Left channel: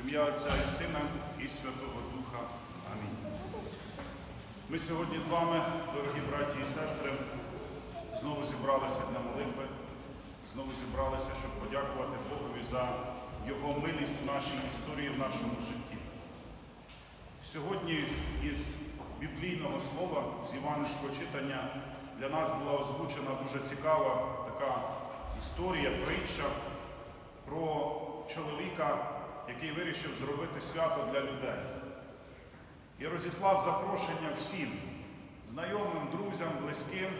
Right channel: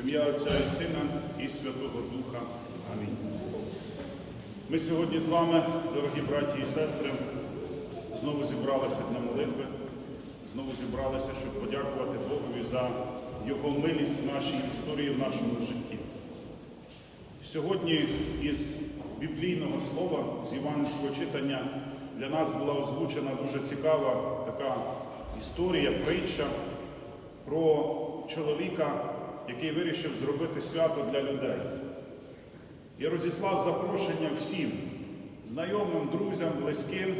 Ім'я Отця і Сина і Святого Духа. Амінь. Ми сьогодні з вами, дорогі браті і сестри, знову зібралися для молитви, знову зібралися, щоб подякувати Богові за Його милість в нашій історії, в нашому житті. Сьогодні із біблійного слова, з іванського читання, для нас була озвучена дуже цікава така історія, притча про чоловіка, який вирішив зробити свято для людей. І розіслав запрошення всім, знайомим, друзям, близьким,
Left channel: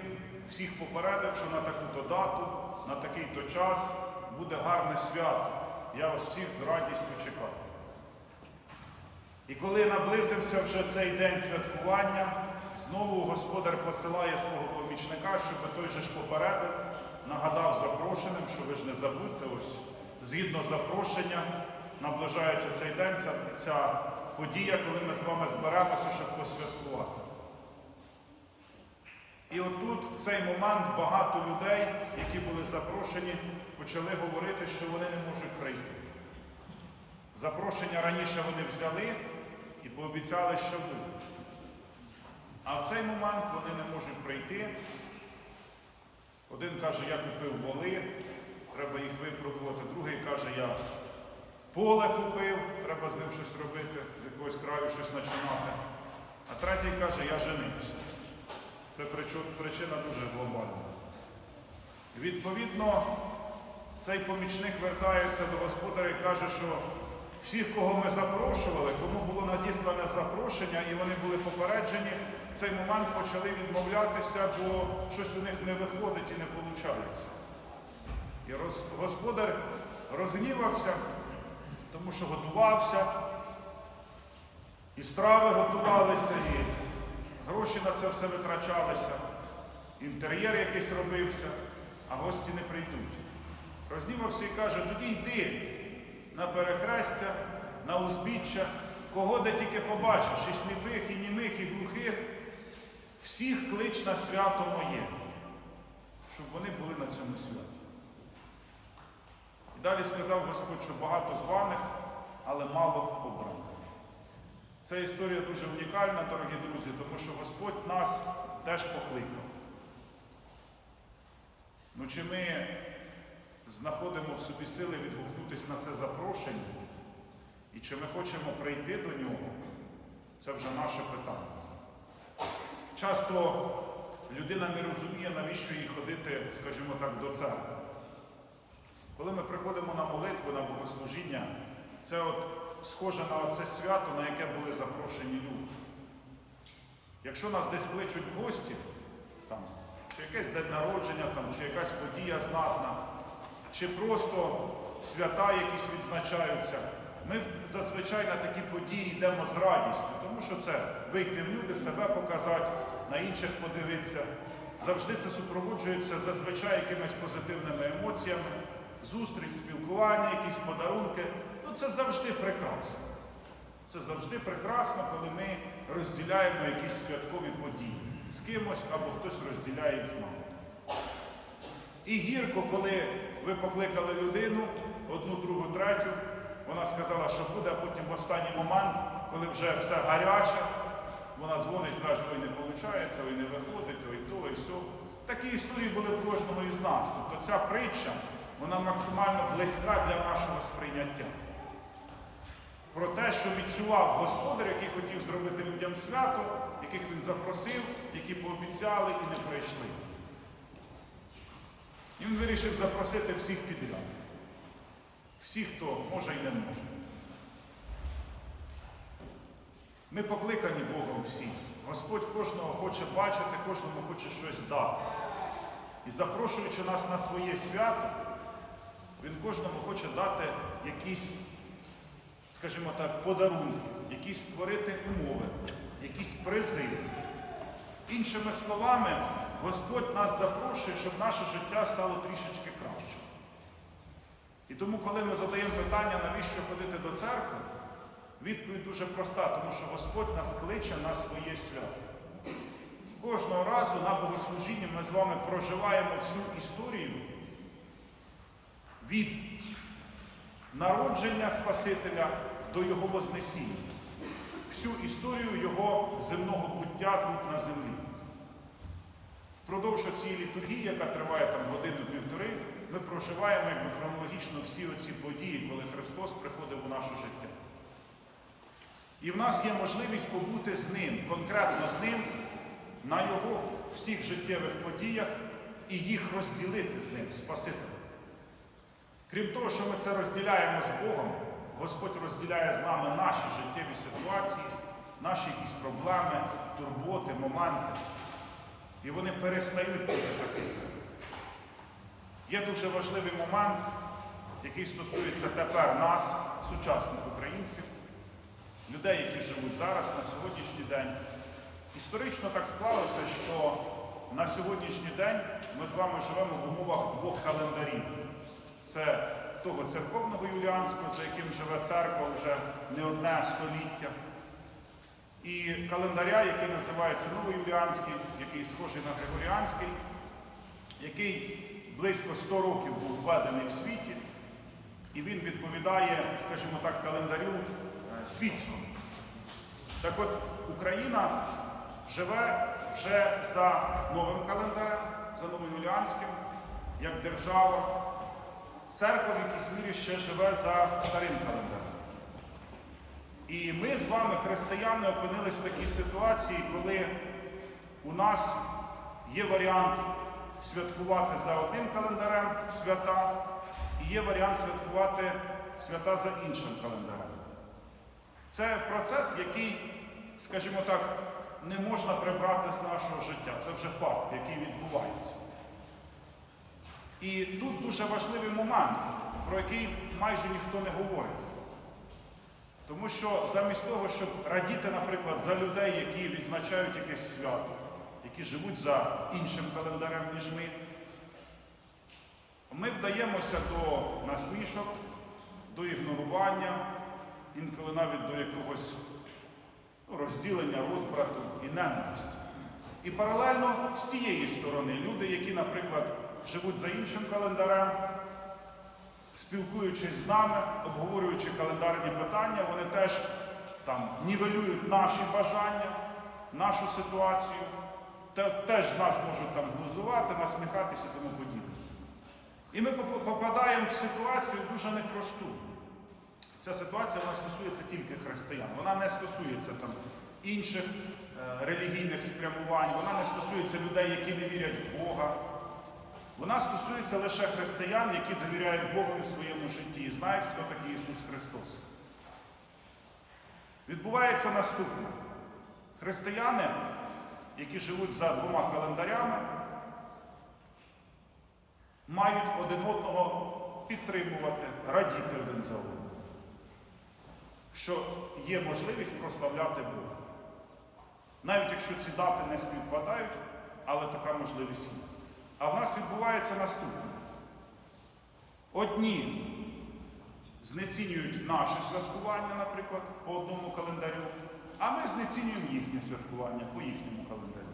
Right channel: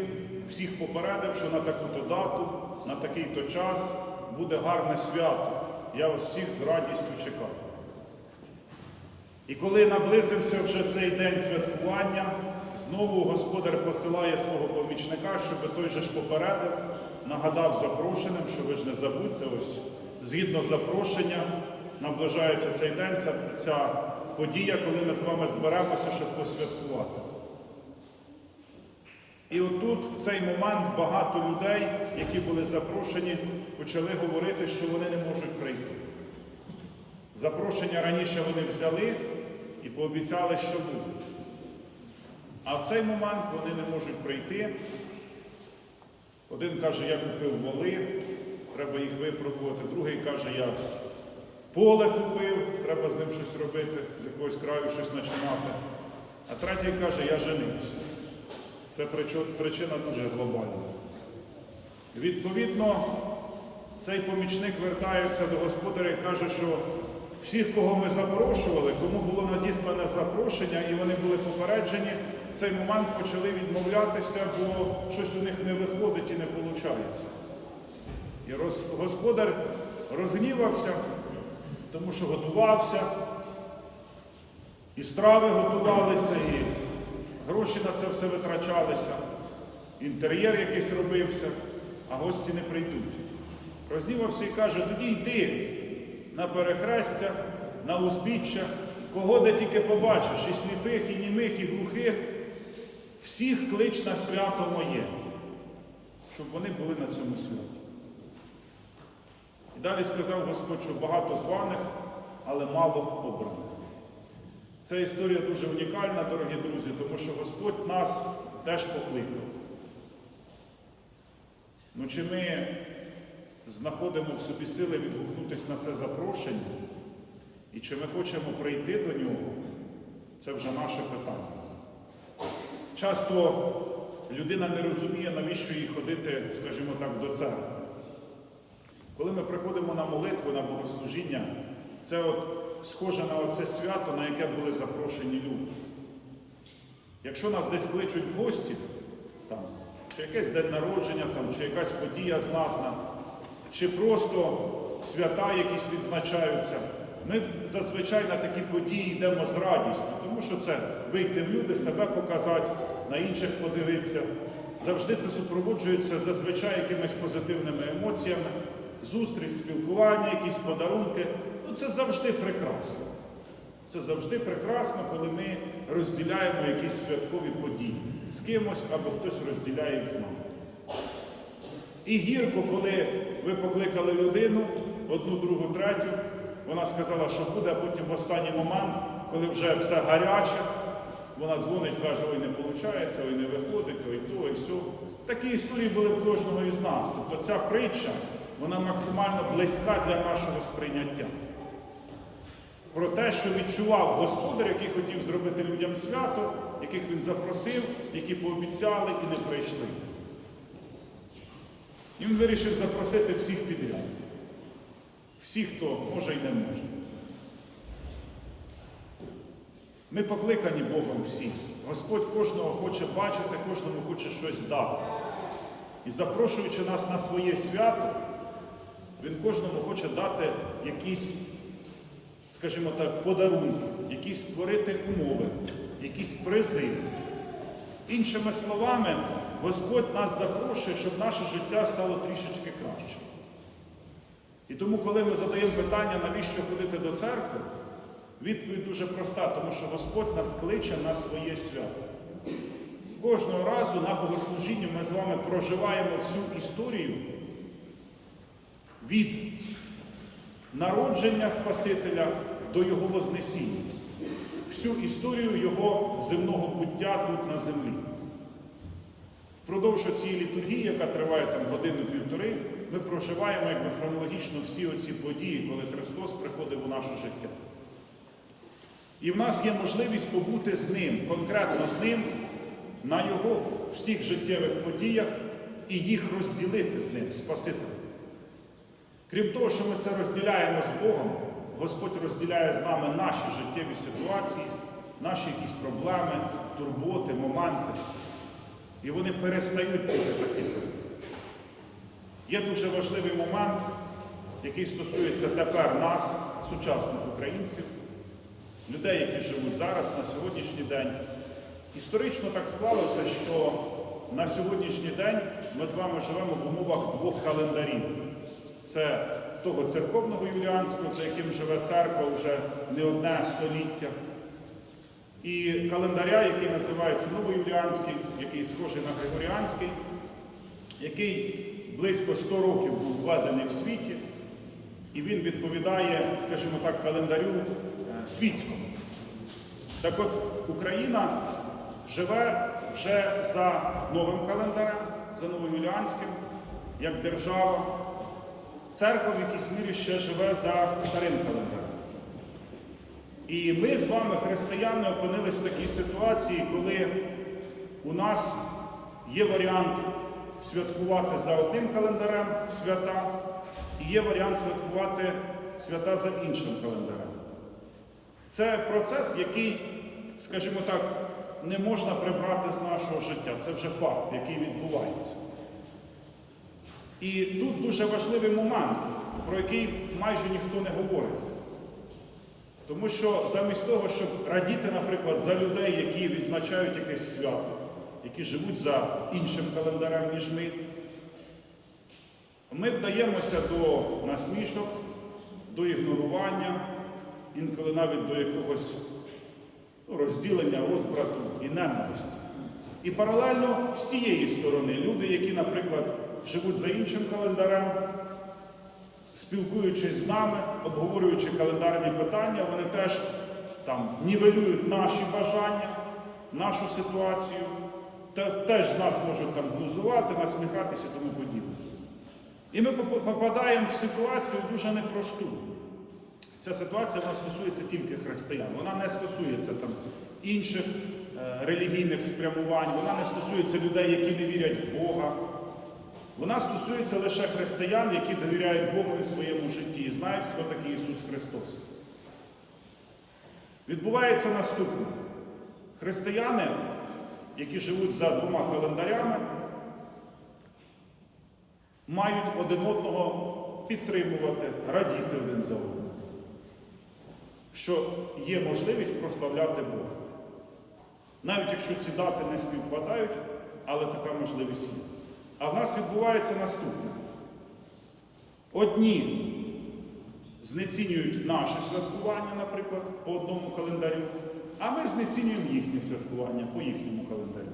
всіх попередив, що на таку-то дату, на такий-то час буде гарне свято. Я вас всіх з радістю чекаю. І коли наблизився вже цей день святкування, знову господар посилає свого помічника, щоб той же ж попередив, нагадав запрошеним, що ви ж не забудьте, ось згідно запрошення, наближається цей день, ця, ця подія, коли ми з вами зберемося, щоб посвяткувати. І отут, в цей момент, багато людей, які були запрошені, почали говорити, що вони не можуть прийти. Запрошення раніше вони взяли і пообіцяли, що будуть. А в цей момент вони не можуть прийти. Один каже, я купив воли, треба їх випробувати. Другий каже, я поле купив, треба з ним щось робити, з якогось краю щось починати. А третій каже, я женився. Це причина дуже глобальна. Відповідно, цей помічник вертається до господаря і каже, що всіх, кого ми запрошували, кому було надіслане запрошення, і вони були попереджені, в цей момент почали відмовлятися, бо щось у них не виходить і не виходить. І роз- господар розгнівався, тому що готувався, і страви готувалися, і гроші на це все витрачалися, інтер'єр якийсь робився, а гості не прийдуть. Рознівався і каже, тоді йди на перехрестя, на узбіччя, кого де тільки побачиш, і сліпих, і німих, і глухих, всіх клич на свято моє, щоб вони були на цьому святі. Далі сказав Господь, що багато званих, але мало обраних. Ця історія дуже унікальна, дорогі друзі, тому що Господь нас теж покликав. Ну чи ми знаходимо в собі сили відгукнутися на це запрошення, і чи ми хочемо прийти до нього, це вже наше питання. Часто людина не розуміє, навіщо їй ходити, скажімо так, до церкви. Коли ми приходимо на молитву, на богослужіння, це от схоже на оце свято, на яке були запрошені люди. Якщо нас десь кличуть гості, там, чи якесь день народження, там, чи якась подія знатна, чи просто свята якісь відзначаються, ми зазвичай на такі події йдемо з радістю, тому що це вийти в люди, себе показати, на інших подивитися. Завжди це супроводжується зазвичай якимись позитивними емоціями, зустріч, спілкування, якісь подарунки. Ну це завжди прекрасно. Це завжди прекрасно, коли ми розділяємо якісь святкові події з кимось або хтось розділяє їх з нами. І гірко, коли ви покликали людину, одну, другу, третю, вона сказала, що буде, а потім в останній момент, коли вже все гаряче, вона дзвонить, каже, ой, не виходить, ой, не виходить, ой то, ой все. Такі історії були в кожного із нас. Тобто ця притча, вона максимально близька для нашого сприйняття. Про те, що відчував господар, який хотів зробити людям свято, яких він запросив, які пообіцяли і не прийшли. І він вирішив запросити всіх підряд. Всіх, хто може і не може. Ми покликані Богом всі. Господь кожного хоче бачити, кожному хоче щось дати. І запрошуючи нас на своє свято, Він кожному хоче дати якісь, скажімо так, подарунки, якісь створити умови, якісь призи. Іншими словами, Господь нас запрошує, щоб наше життя стало трішечки кращим. І тому, коли ми задаємо питання, навіщо ходити до церкви, відповідь дуже проста, тому що Господь нас кличе на своє свято. Кожного разу на богослужінні ми з вами проживаємо всю історію від народження Спасителя до Його Вознесіння, всю історію Його земного буття тут на землі. Впродовж цієї літургії, яка триває там годину-півтори, ми проживаємо якби хронологічно всі оці події, коли Христос приходив у наше життя. І в нас є можливість побути з Ним, конкретно з Ним, на Його всіх життєвих подіях і їх розділити з Ним, Спасителем. Крім того, що ми це розділяємо з Богом, Господь розділяє з нами наші життєві ситуації, наші якісь проблеми, турботи, моменти. І вони перестають бути такими. Є дуже важливий момент, який стосується тепер нас, сучасних українців, людей, які живуть зараз, на сьогоднішній день. Історично так склалося, що на сьогоднішній день ми з вами живемо в умовах двох календарів. Це того церковного юліанського, за яким живе церква вже не одне століття. І календаря, який називається Новоюліанський, який схожий на Григоріанський, який близько 100 років був введений в світі, і він відповідає, скажімо так, календарю е, світському. Так от Україна живе вже за новим календарем, за новоюліанським, як держава. Церква в якійсь мірі ще живе за старим календарем. І ми з вами, християни, опинились в такій ситуації, коли у нас є варіант святкувати за одним календарем свята, і є варіант святкувати свята за іншим календарем. Це процес, який, скажімо так, не можна прибрати з нашого життя. Це вже факт, який відбувається. І тут дуже важливий момент, про який майже ніхто не говорить. Тому що замість того, щоб радіти, наприклад, за людей, які відзначають якесь свято, які живуть за іншим календарем, ніж ми, ми вдаємося до насмішок, до ігнорування, інколи навіть до якогось ну, розділення, розбрату і ненависті. І паралельно з цієї сторони люди, які, наприклад, живуть за іншим календарем, спілкуючись з нами, обговорюючи календарні питання, вони теж там нівелюють наші бажання, нашу ситуацію, теж з нас можуть там глузувати, насміхатися і тому подібне. І ми попадаємо в ситуацію дуже непросту. Ця ситуація вона стосується тільки християн. Вона не стосується там інших е, релігійних спрямувань, вона не стосується людей, які не вірять в Бога. Вона стосується лише християн, які довіряють Богу в своєму житті і знають, хто такий Ісус Христос. Відбувається наступне. Християни, які живуть за двома календарями, мають один одного підтримувати, радіти один за одним. Що є можливість прославляти Бога. Навіть якщо ці дати не співпадають, але така можливість є. А в нас відбувається наступне. Одні знецінюють наше святкування, наприклад, по одному календарю, а ми знецінюємо їхнє святкування по їхньому календарю.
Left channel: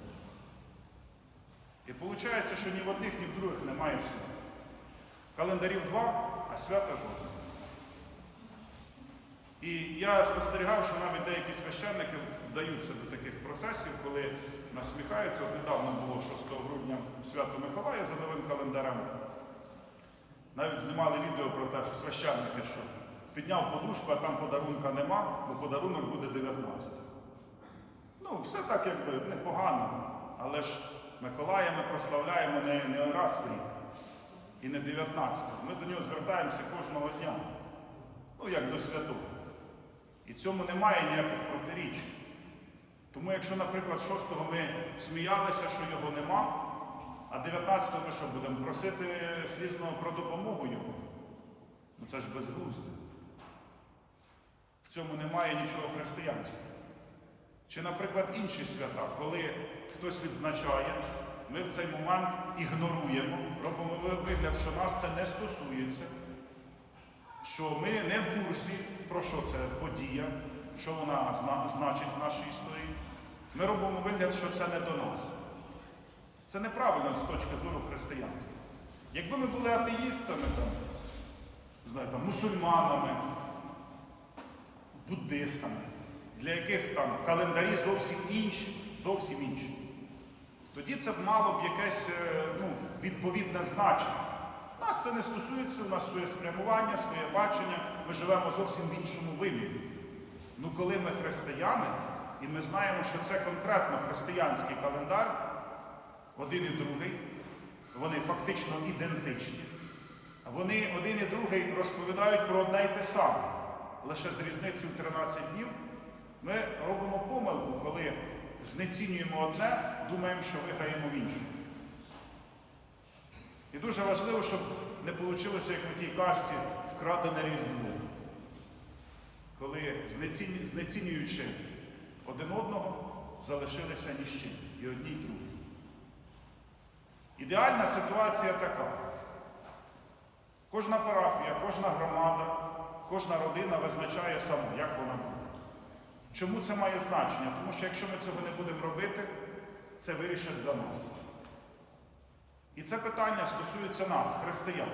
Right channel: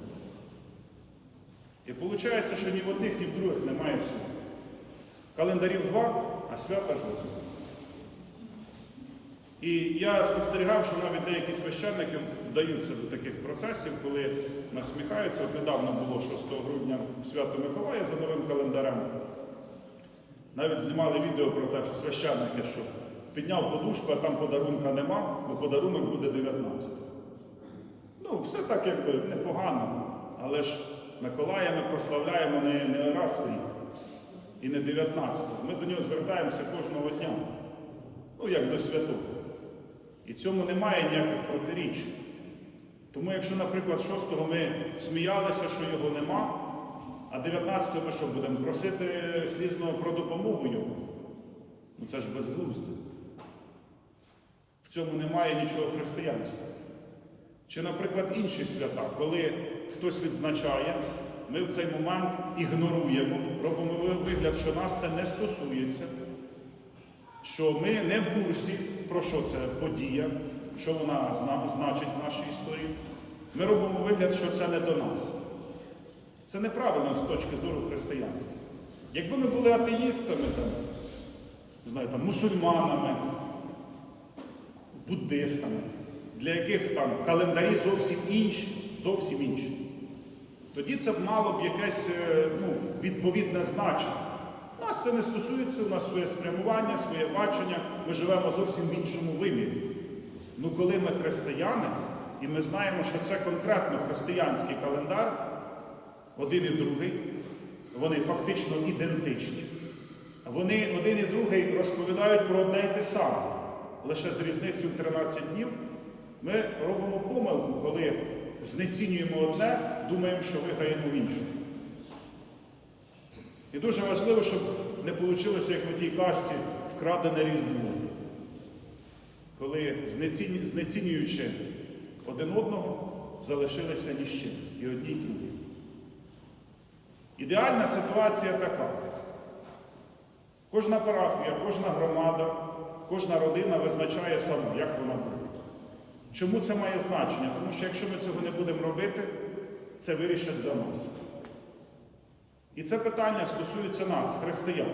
І виходить, що ні в одних, ні в других немає свята. Календарів два, а свята жодного. І я спостерігав, що навіть деякі священники вдаються до таких процесів, коли насміхаються. От недавно було 6 грудня свято Миколая за новим календарем. Навіть знімали відео про те, що священники, що підняв подушку, а там подарунка нема, бо подарунок буде 19. Ну, все так якби непогано. Але ж Миколая ми прославляємо не, не раз в рік і не 19-го. Ми до нього звертаємося кожного дня. Ну, як до святого. І цьому немає ніяких протиріч. Тому якщо, наприклад, 6-го ми сміялися, що його нема, а 19-го ми що будемо просити слізно про допомогу йому? Ну це ж безглуздя. В цьому немає нічого християнського. Чи, наприклад, інші свята, коли хтось відзначає, ми в цей момент ігноруємо, робимо вигляд, що нас це не стосується, що ми не в курсі, про що це подія, що вона значить в нашій історії. Ми робимо вигляд, що це не до нас. Це неправильно з точки зору християнства. Якби ми були атеїстами, там, знаю, там, мусульманами, буддистами, для яких там календарі зовсім інші, зовсім інші. Тоді це б мало б якесь е, ну, відповідне значення. Нас це не стосується, у нас своє спрямування, своє бачення, ми живемо зовсім в іншому вимірі. Ну, коли ми християни, і ми знаємо, що це конкретно християнський календар, один і другий, вони фактично ідентичні. Вони один і другий розповідають про одне й те саме. Лише з різницею в 13 днів ми робимо помилку, коли знецінюємо одне, думаємо, що виграємо в іншому. І дуже важливо, щоб не вийшло, як у тій касті, вкрадене різдво. Коли знецінюючи один одного, залишилися ні з чим, і одні, і другі. Ідеальна ситуація така. Кожна парафія, кожна громада, кожна родина визначає сама, як вона буде. Чому це має значення? Тому що якщо ми цього не будемо робити, це вирішать за нас. І це питання стосується нас, християн.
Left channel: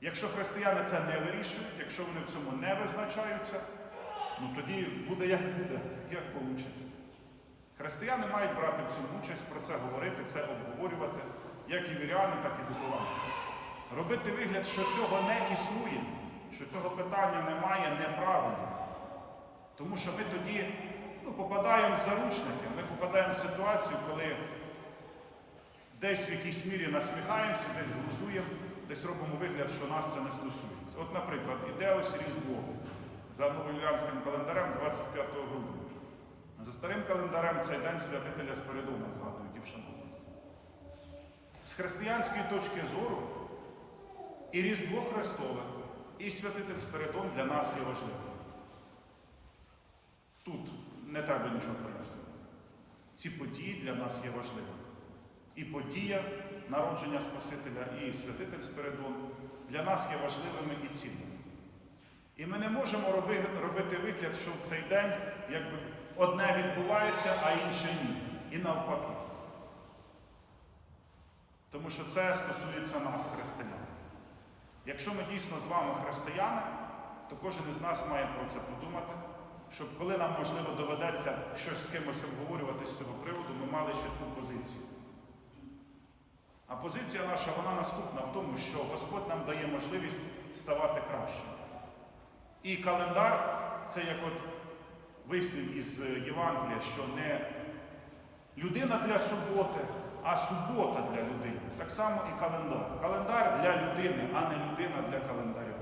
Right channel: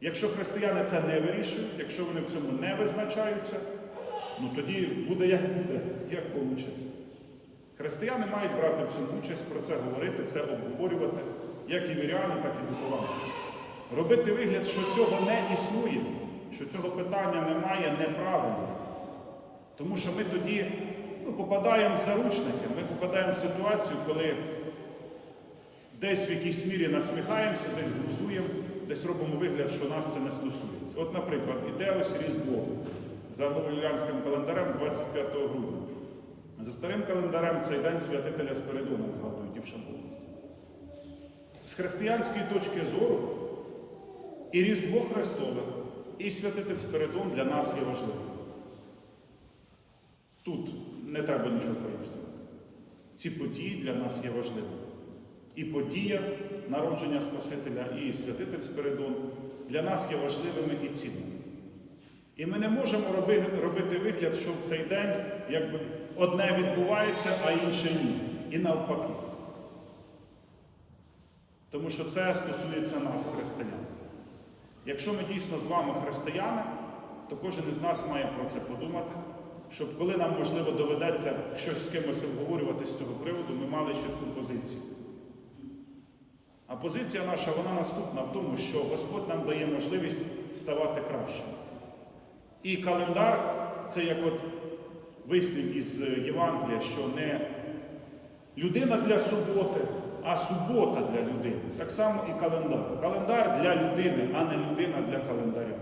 Якщо християни це не вирішують, якщо вони в цьому не визначаються, ну тоді буде як буде, як вийде. Християни мають брати в цьому участь, про це говорити, це обговорювати, як і віряни, так і духовенство. Робити вигляд, що цього не існує, що цього питання немає, неправильно. Тому що ми тоді ну, попадаємо в заручники, ми попадаємо в ситуацію, коли десь в якійсь мірі насміхаємося, десь глузуємо, десь робимо вигляд, що нас це не стосується. От, наприклад, іде ось Різдво за новоюліанським календарем 25 грудня. За старим календарем цей день святителя Спиридона згадують і вшановують. З християнської точки зору і Різдво Христове, і святитель Спиридон для нас є важливим. Тут не треба нічого пояснювати. Ці події для нас є важливими. І подія народження Спасителя, і святитель Спиридон для нас є важливими і цінними. І ми не можемо робити вигляд, що в цей день якби одне відбувається, а інше ні. І навпаки. Тому що це стосується нас, християн. Якщо ми дійсно з вами християни, то кожен із нас має про це подумати, щоб коли нам, можливо, доведеться щось з кимось обговорювати з цього приводу, ми мали чітку позицію. А позиція наша, вона наступна в тому, що Господь нам дає можливість ставати кращим. І календар це як от вислів із Євангелія, що не людина для суботи, а субота для людини. Так само і календар. Календар для людини, а не людина для календаря.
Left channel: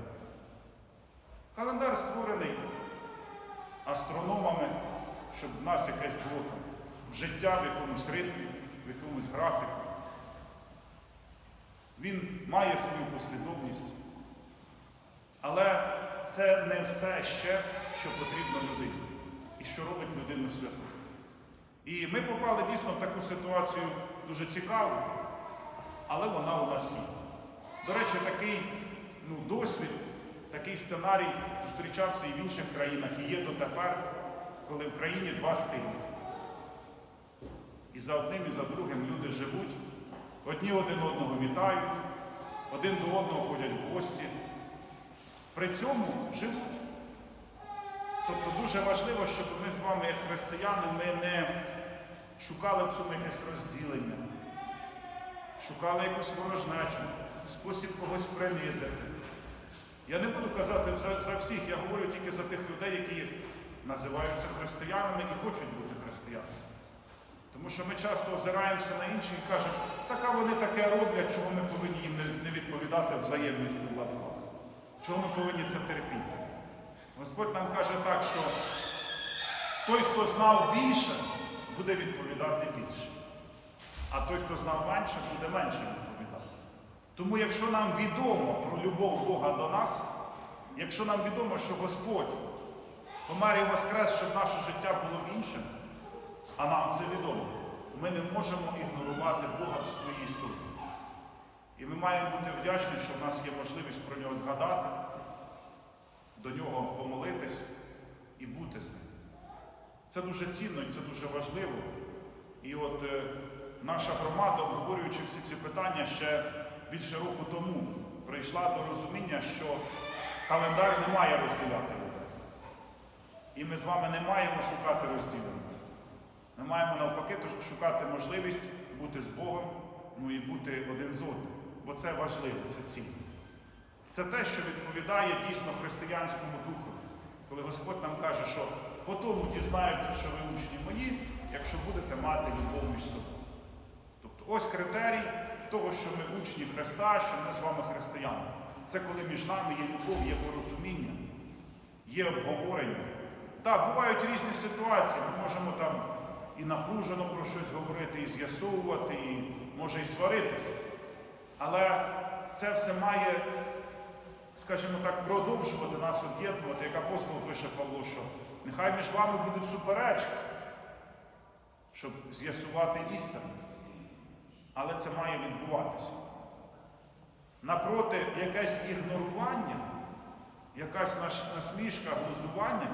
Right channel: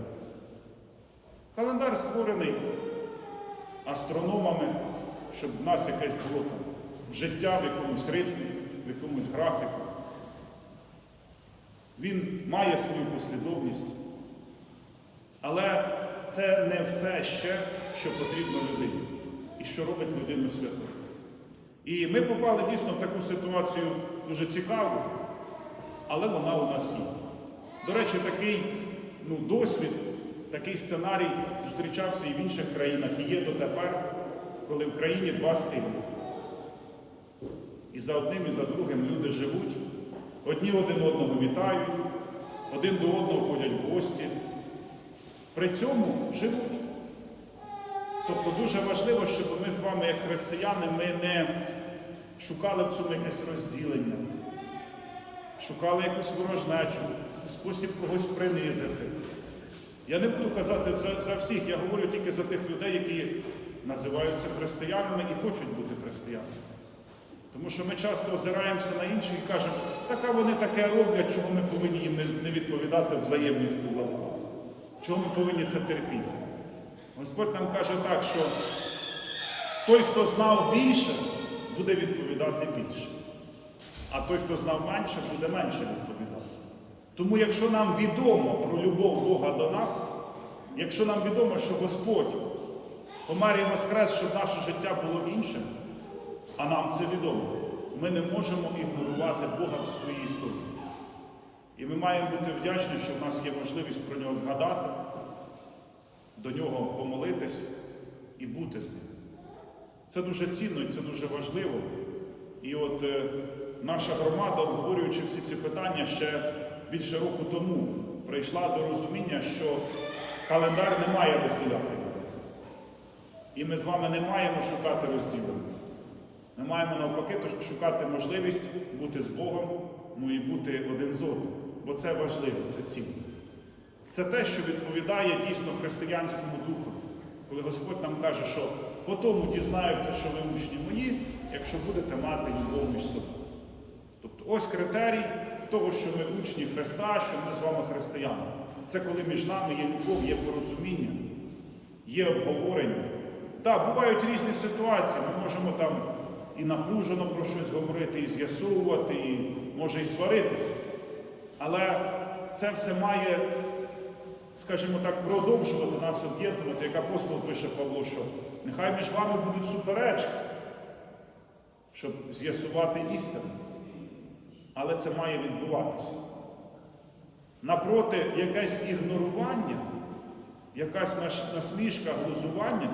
Календар створений астрономами, щоб в нас якесь було там життя в якомусь ритмі, в якомусь графіку. Він має свою послідовність, але це не все ще, що потрібно людині і що робить людину святою. І ми попали дійсно в таку ситуацію дуже цікаву, але вона у нас є. До речі, такий ну, досвід, такий сценарій зустрічався і в інших країнах, і є дотепер, коли в країні два стилі. І за одним, і за другим люди живуть, одні один одного вітають, один до одного ходять в гості. При цьому живуть. Тобто дуже важливо, щоб ми з вами, як християни, ми не шукали в цьому якесь розділення, шукали якусь ворожнечу, спосіб когось принизити. Я не буду казати за, за всіх, я говорю тільки за тих людей, які називаються християнами і хочуть бути християнами. Тому що ми часто озираємося на інших і кажемо, так а вони таке роблять, чого ми повинні їм не, відповідати взаємністю в латках. Чого ми повинні це терпіти? Господь нам каже так, що той, хто знав більше, буде відповідати більше. А той, хто знав менше, буде менше відповідати. Тому, якщо нам відомо про любов Бога до нас, якщо нам відомо, що Господь помер і воскрес, щоб наше життя було іншим, а нам це відомо, ми не можемо ігнорувати Бога в своїй історії. І ми маємо бути вдячні, що в нас є можливість про нього згадати, до нього помолитись і бути з ним. Це дуже цінно і це дуже важливо. І от е, наша громада, обговорюючи всі ці питання ще більше року тому, прийшла до розуміння, що календар не має розділяти. І ми з вами не маємо шукати розділення. Ми маємо навпаки шукати можливість бути з Богом, ну і бути один з одним. Бо це важливо, це цінно. Це те, що відповідає дійсно християнському духу, коли Господь нам каже, що по тому дізнаються, що ви учні мої, якщо будете мати любов між собою. Тобто ось критерій того, що ми учні Христа, що ми з вами християни. Це коли між нами є любов, є порозуміння, є обговорення. Так, бувають різні ситуації, ми можемо там і напружено про щось говорити, і з'ясовувати, і може і сваритися. Але це все має, скажімо так, продовжувати нас об'єднувати, як апостол пише Павло, що нехай між вами будуть суперечки, щоб з'ясувати істину. Але це має відбуватися. Напроти, якесь ігнорування, якась насмішка, глузування,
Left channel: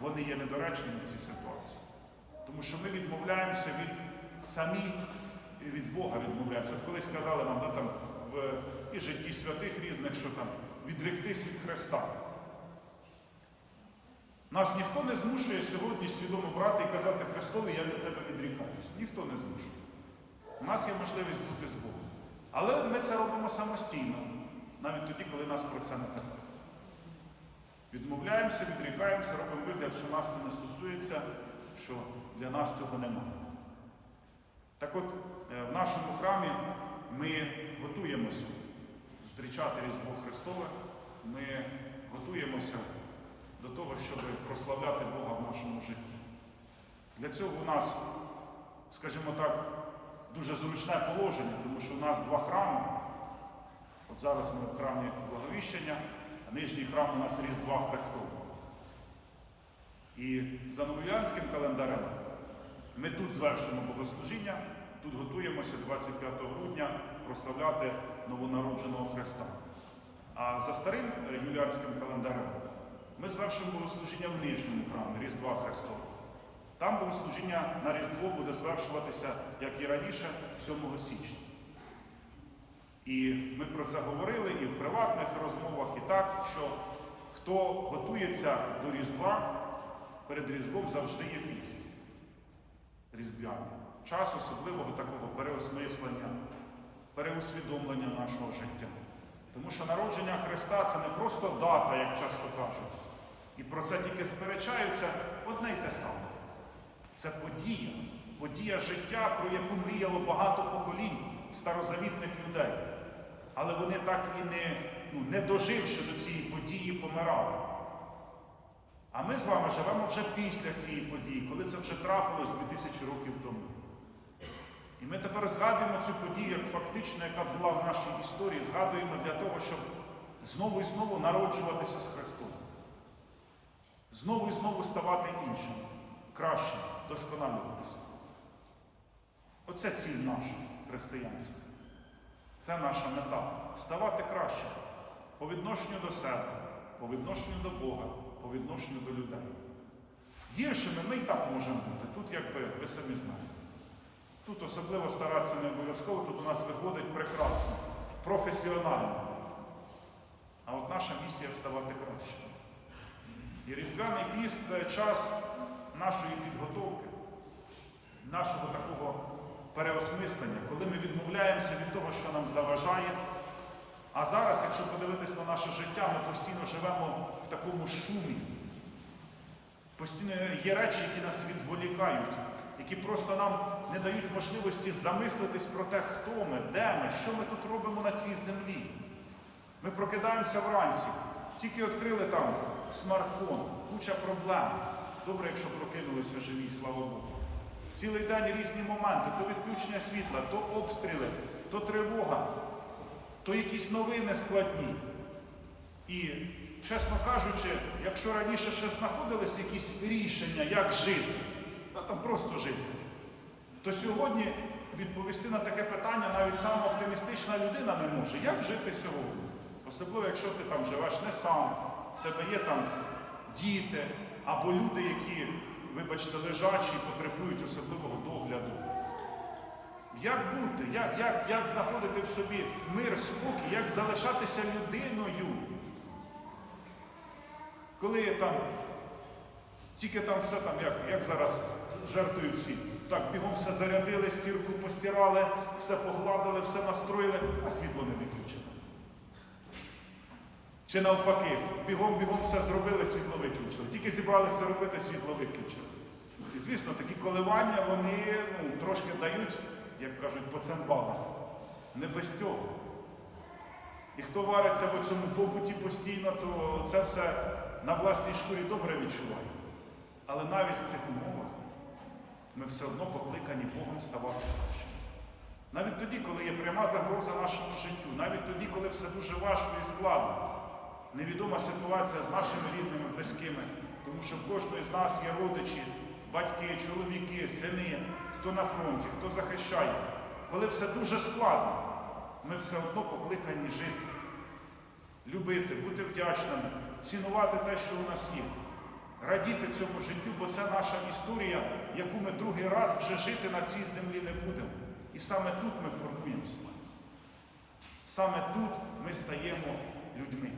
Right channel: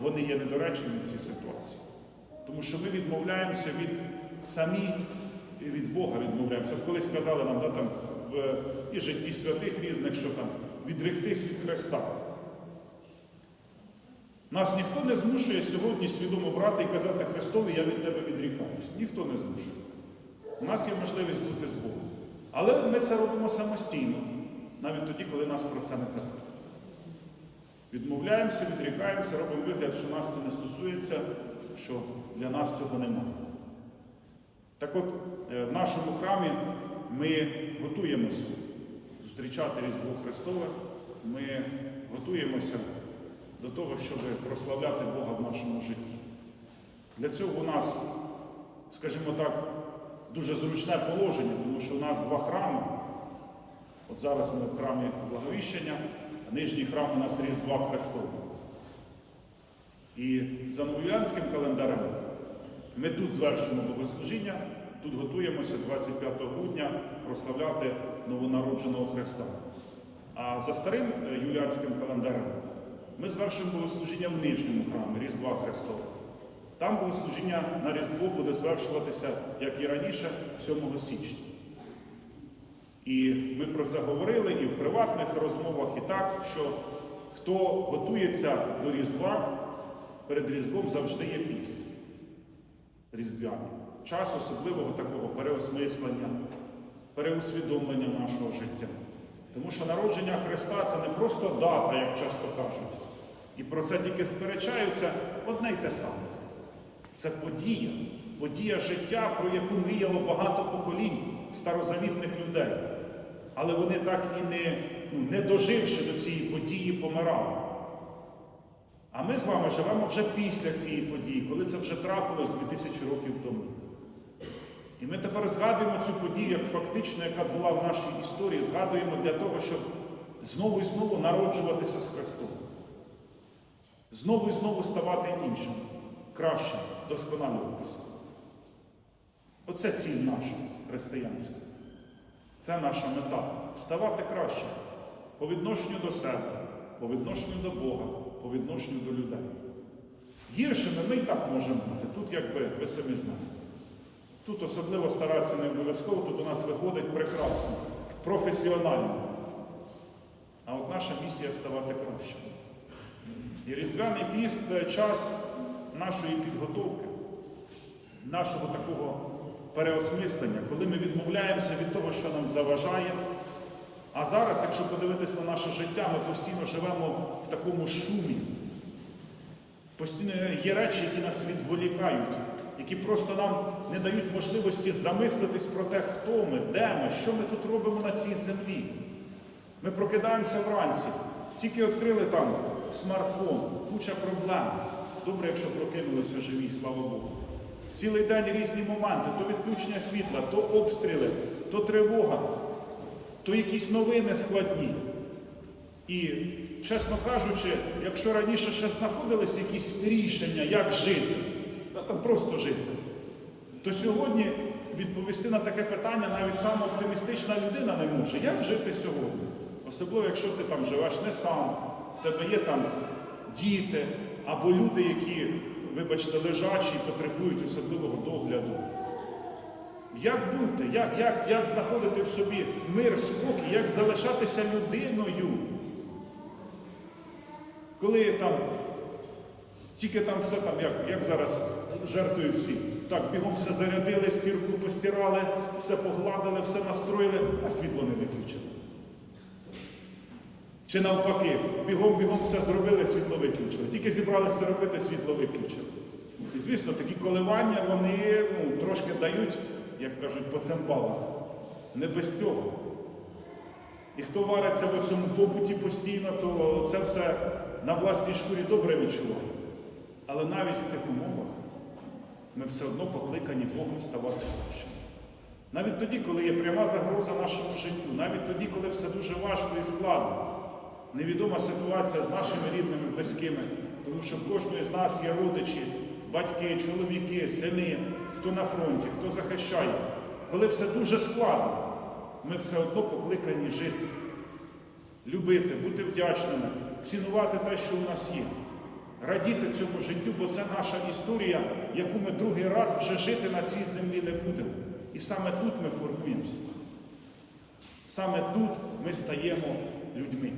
вони є недоречними в цій ситуації. Тому що ми відмовляємося від самі від Бога відмовляємося. От колись сказали нам да, там, в і житті святих різних, що там відректись від Христа. Нас ніхто не змушує сьогодні свідомо брати і казати Христові, я від тебе відрікаюсь. Ніхто не змушує. У нас є можливість бути з Богом. Але ми це робимо самостійно, навіть тоді, коли нас про це не питають. Відмовляємося, відрікаємося, робимо вигляд, що нас це не стосується, що для нас цього немає. Так от, е, в нашому храмі ми готуємося зустрічати Різдво Христове, ми готуємося до того, щоб прославляти Бога в нашому житті. Для цього у нас, скажімо так, дуже зручне положення, тому що у нас два храми. От зараз ми в храмі Благовіщення, а нижній храм у нас Різдва Христового. І за новоянським календарем ми тут звершимо богослужіння, тут готуємося 25 грудня прославляти новонародженого Христа. А за старим е, юліанським календарем ми звершимо богослужіння в нижньому храмі Різдва Христового. Там богослужіння на Різдво буде звершуватися, як і раніше, 7 січня. І ми про це говорили і в приватних розмовах, і так, що хто готується до Різдва, перед Різдвом завжди є піст різдвяний. Час особливого такого переосмислення, переусвідомлення нашого життя. Тому що народження Христа це не просто дата, як часто кажуть. І про це тільки сперечаються одне й те саме. Це подія, подія життя, про яку мріяло багато поколінь старозавітних людей. Але вони так і не, ну, не доживши до цієї події, помирали. А ми з вами живемо вже після цієї події, коли це вже трапилось 2000 років тому. І ми тепер згадуємо цю подію як фактично, яка була в нашій історії, згадуємо для того, щоб знову і знову народжуватися з Христом. Знову і знову ставати іншим, кращим, досконалюватися. Оце ціль наша християнська. Це наша мета ставати краще по відношенню до себе, по відношенню до Бога, по відношенню до людей. Гіршими ми і так можемо бути. Тут, якби ви самі знаєте. Тут особливо старатися не обов'язково, тут у нас виходить прекрасно, професіонально. А от наша місія ставати кращими. І Різдвяний піст це час нашої підготовки, нашого такого переосмислення, коли ми відмовляємося від того, що нам заважає. А зараз, якщо подивитись на наше життя, ми постійно живемо в такому шумі. Постійно є речі, які нас відволікають, які просто нам не дають можливості замислитись про те, хто ми, де ми, що ми тут робимо на цій землі. Ми прокидаємося вранці, тільки відкрили там смартфон, куча проблем. Добре, якщо прокинулися живі, слава Богу. Цілий день різні моменти, то відключення світла, то обстріли, то тривога, то якісь новини складні. І, чесно кажучи, якщо раніше ще знаходились якісь рішення, як жити, ну там просто жити, то сьогодні відповісти на таке питання навіть сама оптимістична людина не може. Як жити сьогодні? Особливо, якщо ти там живеш не сам, в тебе є там діти або люди, які, вибачте, лежачі і потребують особливого догляду. Як бути, як, як, як знаходити в собі мир, спокій, як залишатися людиною? Коли там Тільки там все там, як, як зараз жертвують всі. Так, бігом все зарядили, стірку постирали, все погладили, все настроїли, а світло не виключили. Чи навпаки, бігом-бігом все зробили, світло виключили. Тільки зібралися робити, світло виключили. І звісно, такі коливання вони ну, трошки дають, як кажуть, по цимбалах. Не без цього. І хто вариться в цьому побуті постійно, то це все на власній шкурі добре відчуває. Але навіть в цих умовах ми все одно покликані Богом ставати кращими. Навіть тоді, коли є пряма загроза нашому життю, навіть тоді, коли все дуже важко і складно, невідома ситуація з нашими рідними, близькими, тому що в кожної з нас є родичі, батьки, чоловіки, сини, хто на фронті, хто захищає. Коли все дуже складно, ми все одно покликані жити, любити, бути вдячними, цінувати те, що у нас є, радіти цьому життю, бо це наша історія, яку ми другий раз вже жити на цій землі не будемо. І саме тут ми формуємося. Саме тут ми стаємо людьми,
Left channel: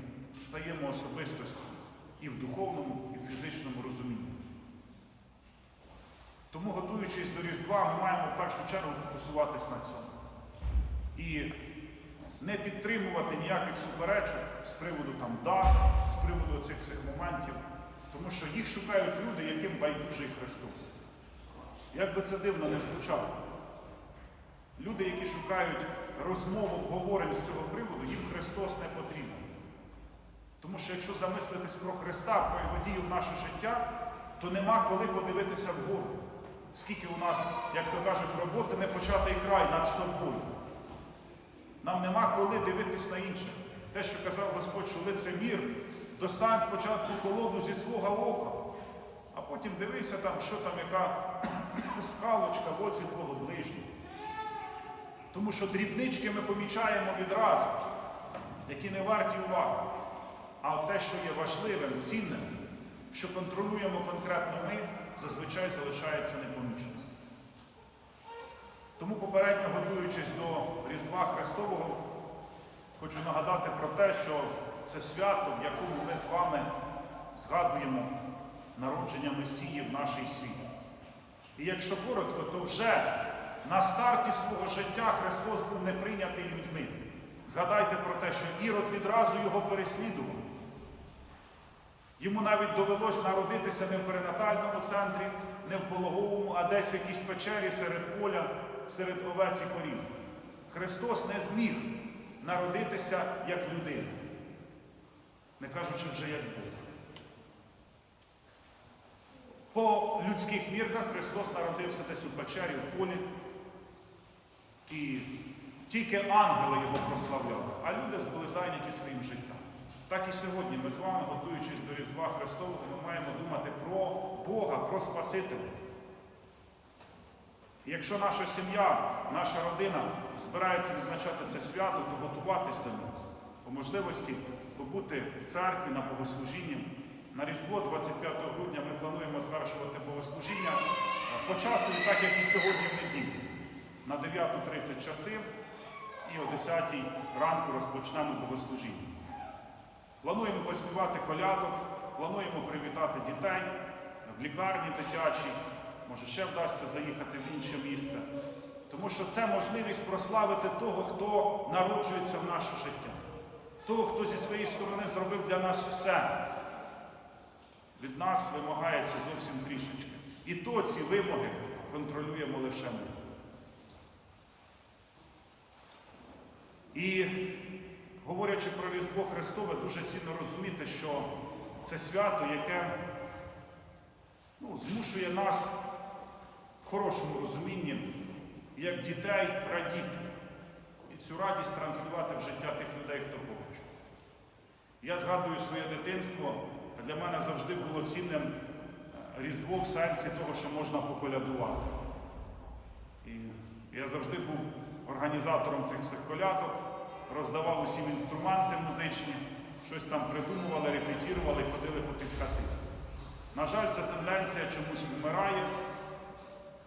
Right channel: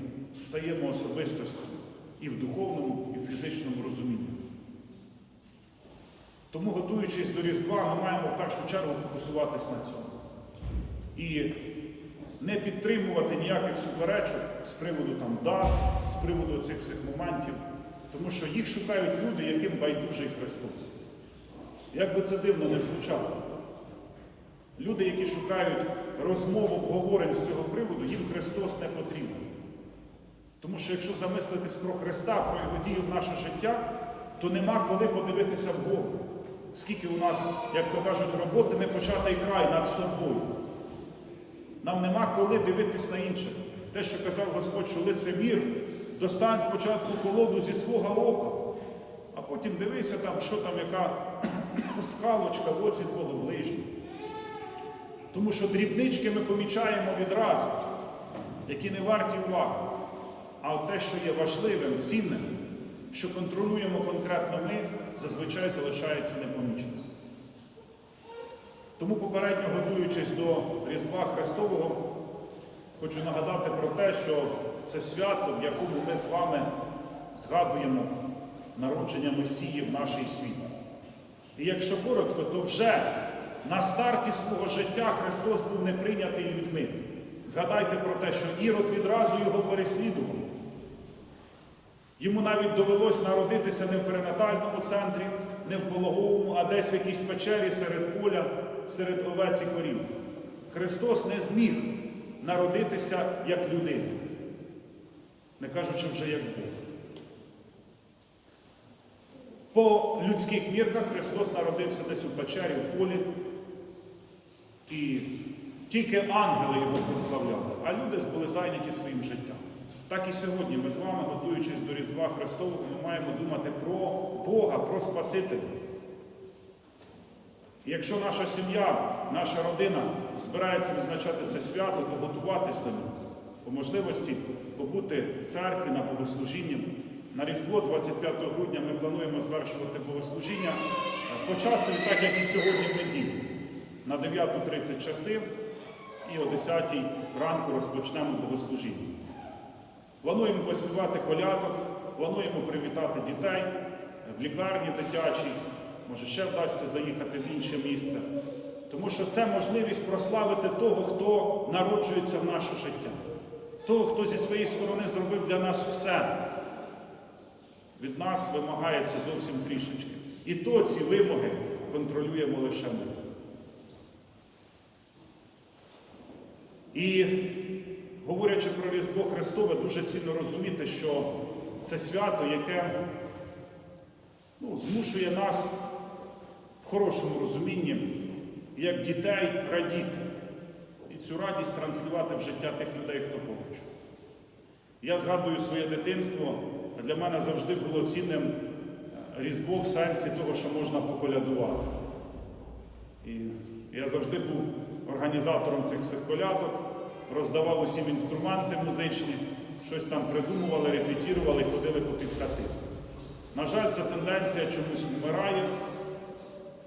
стаємо особистостями і в духовному, і в фізичному розумінні. Тому, готуючись до Різдва, ми маємо в першу чергу фокусуватись на цьому. І не підтримувати ніяких суперечок з приводу там дат, з приводу цих всіх моментів, тому що їх шукають люди, яким байдужий Христос. Як би це дивно не звучало. Люди, які шукають розмов, обговорень з цього приводу, їм Христос не потрібен. Тому що якщо замислитись про Христа, про Його дію в наше життя, то нема коли подивитися вгору. Скільки у нас, як то кажуть, роботи не початий край над собою. Нам нема коли дивитись на інших. Те, що казав Господь, що лицемір, достань спочатку колоду зі свого ока, а потім дивися там, що там, яка скалочка в оці твого ближнього. Тому що дрібнички ми помічаємо відразу, які не варті уваги. А те, що є важливим, цінним, що контролюємо конкретно ми, зазвичай залишається непоміченим. Тому попередньо готуючись до Різдва Христового, хочу нагадати про те, що це свято, в якому ми з вами згадуємо народження Месії в нашій світ. І якщо коротко, то вже на старті свого життя Христос був не прийнятий людьми. Згадайте про те, що Ірод відразу його переслідував. Йому навіть довелось народитися не в перинатальному центрі, не в пологовому, а десь в якійсь печері серед поля, серед овець і корів. Христос не зміг народитися як людина, не кажучи вже як Бог. По людських мірках Христос народився десь у печері, в полі, і тільки ангели його прославляли, а люди були зайняті своїм життям. Так і сьогодні ми з вами, готуючись до Різдва Христового, ми маємо думати про Бога, про Спасителя. І якщо наша сім'я, наша родина збирається відзначати це свято, то готуватись до нього. По можливості побути в церкві на богослужінні. На Різдво 25 грудня ми плануємо звершувати богослужіння по часу, так як і сьогодні в неділю. На 9.30 часи і о 10 ранку розпочнемо богослужіння. Плануємо поспівати колядок, плануємо привітати дітей в лікарні дитячій, може ще вдасться заїхати в інше місце. Тому що це можливість прославити того, хто народжується в наше життя, того, хто зі своєї сторони зробив для нас все. Від нас вимагається зовсім трішечки. І то ці вимоги контролюємо лише ми. І говорячи про Різдво Христове, дуже цінно розуміти, що це свято, яке ну, змушує нас в хорошому розумінні, як дітей, радіти. І цю радість транслювати в життя тих людей, хто поруч. Я згадую своє дитинство, для мене завжди було цінним е, Різдво в сенсі того, що можна поколядувати. І я завжди був організатором цих всіх колядок, роздавав усім інструменти музичні, щось там придумували, репетірували, ходили по під хати. На жаль, ця тенденція чомусь вмирає,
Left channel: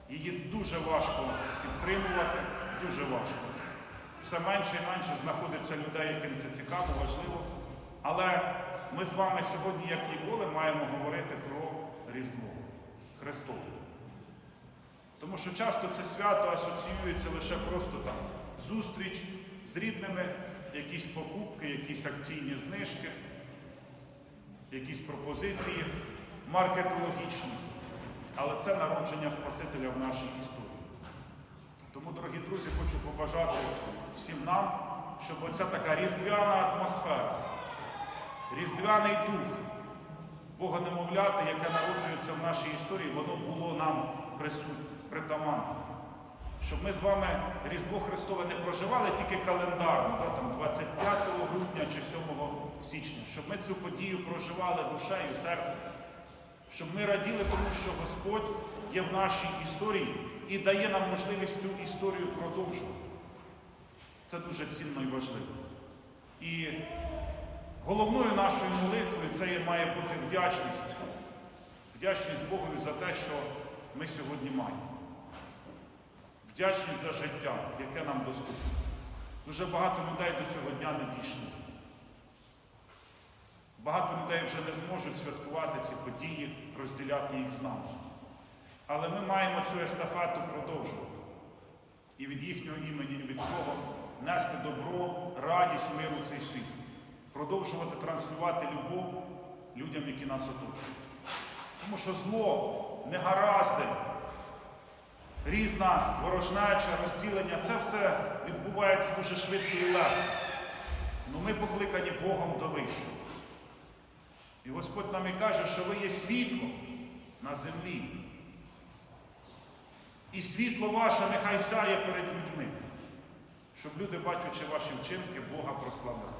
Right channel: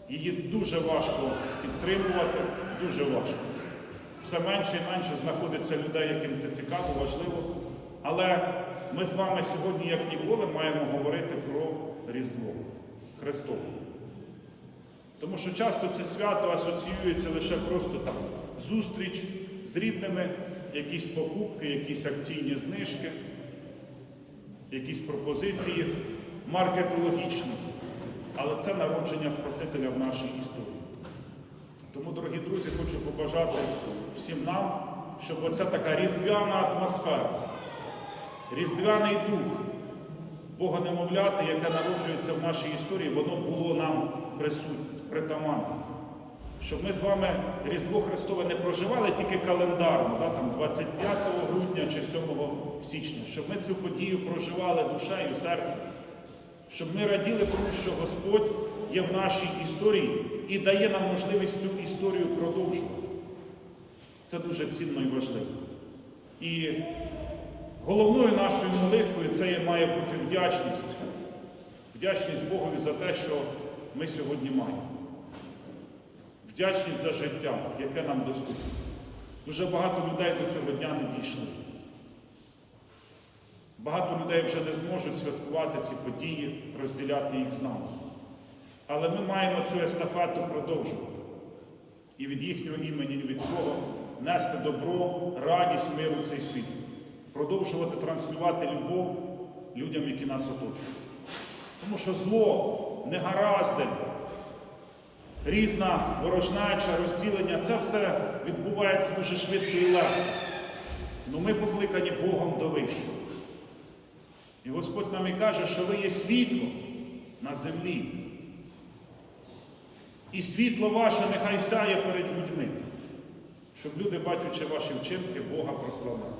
її дуже важко підтримувати, дуже важко. Все менше і менше знаходиться людей, яким це цікаво, важливо. Але ми з вами сьогодні, як ніколи, маємо говорити про Різдво Христове. Тому що часто це свято асоціюється лише просто там зустріч з рідними, якісь покупки, якісь акційні знижки, якісь пропозиції маркетологічні. Але це народження Спасителя в нашій історії. Тому, дорогі друзі, хочу побажати всім нам, щоб оця така різдвяна атмосфера, різдвяний дух Бога немовляти, яке народжується в нашій історії, воно було нам присутнє, притаманне. Щоб ми з вами Різдво Христове не проживали тільки календарно, да, там 25 грудня чи 7 січня, щоб ми цю подію проживали душею, серцем, щоб ми раділи тому, що Господь є в нашій історії і дає нам можливість цю історію продовжувати. Це дуже цінно і важливо. І головною нашою молитвою це має бути вдячність. Вдячність Богові за те, що ми сьогодні маємо. Вдячність за життя, яке нам доступне. Дуже багато людей до цього дня не дійшли. Багато людей вже не зможуть святкувати ці події, розділяти їх з нами. Але ми маємо цю естафету продовжувати. І від їхнього імені, і від свого нести добро, радість, миру в цей світ. Продовжувати транслювати любов людям, які нас оточують. Тому що зло, негаразди, різна ворожнеча, розділення це все відбувається дуже швидко і легко. Ну ми покликані Богом до вищого. І Господь нам і каже, що ви є світло на землі. І світло ваше нехай сяє перед людьми, щоб люди, бачачи ваші вчинки, Бога прославляли.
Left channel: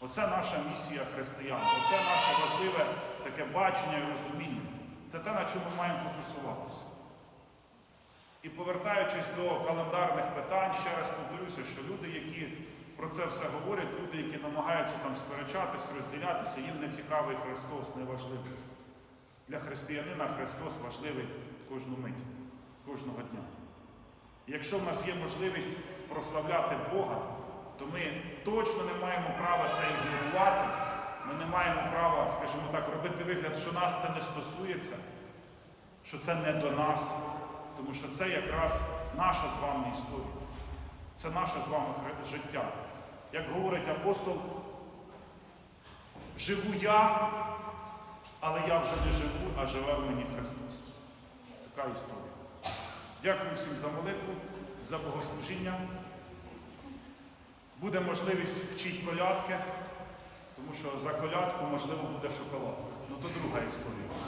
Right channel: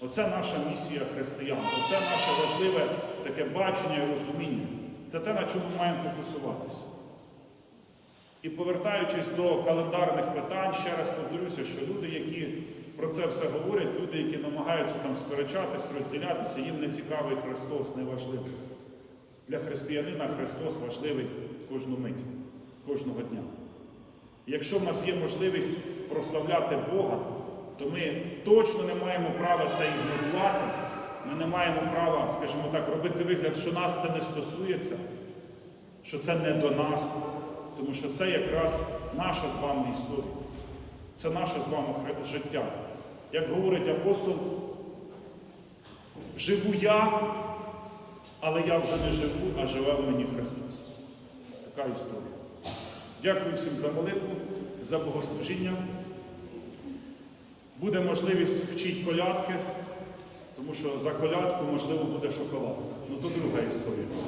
Оце наша місія християн, оце наше важливе таке бачення і розуміння. Це те, на чому ми маємо фокусуватися. І повертаючись до календарних питань, ще раз повторюся, що люди, які про це все говорять, люди, які намагаються там сперечатись, розділятися, їм не цікавий Христос, не важливий. Для християнина Христос важливий кожну мить, кожного дня. Якщо в нас є можливість прославляти Бога, то ми точно не маємо права це ігнорувати. Ми не маємо права, скажімо так, робити вигляд, що нас це не стосується, що це не до нас. Тому що це якраз наша з вами історія. Це наше з вами життя. Як говорить апостол, живу я, але я вже не живу, а живе в мені Христос. Така історія. Дякую всім за молитву, за богослужіння. Буде можливість вчити колядки, тому що за колядку, можливо, буде шоколадка. Ну то друга історія.